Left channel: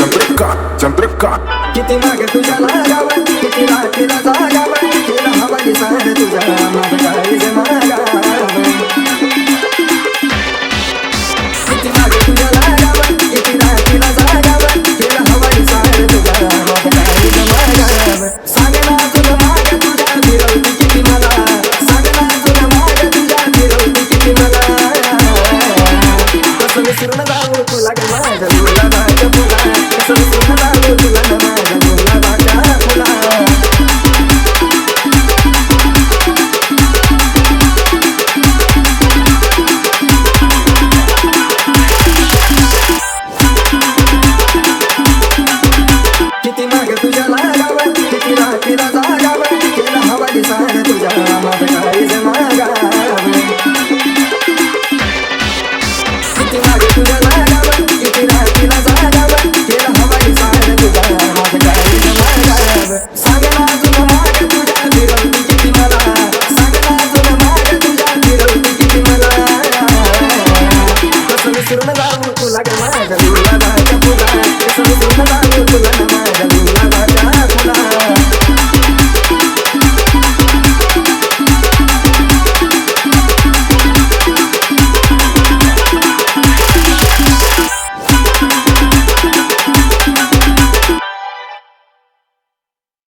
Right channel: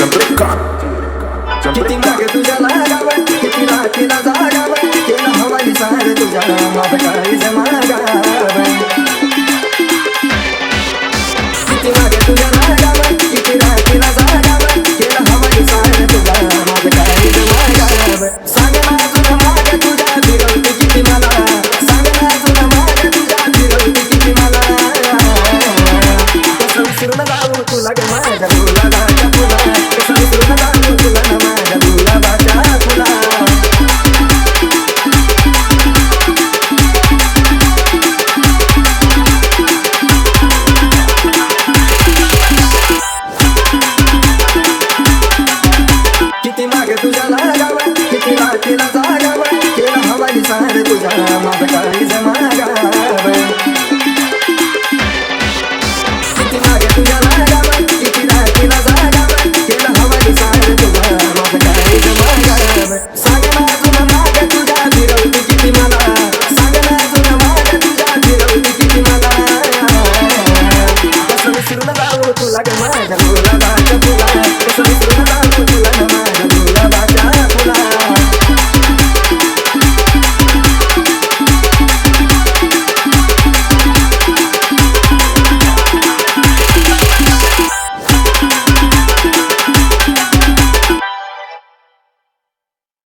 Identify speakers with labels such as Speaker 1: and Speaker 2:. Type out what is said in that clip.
Speaker 1: चंद्रिका चंद्रिका किती मागे तुझ्या लागाव किती रात्रीला जागाव केला हवाली सार तुझ्या माझं काळीज मागाव किती मागे तुझ्या लागाव किती रात्रीला जागाव केला हवाली सार तुझ्या माझं काळीज मागाव सांग ना अजून माग तुझ्या फिरवती किती मला. सांग ना अजून माग तुझ्या फिरवती किती मला. तसं विसरून जाऊ तुला किती राखीला जागाव केलं हवाली सार तुझ्या माझं काळीज मागाव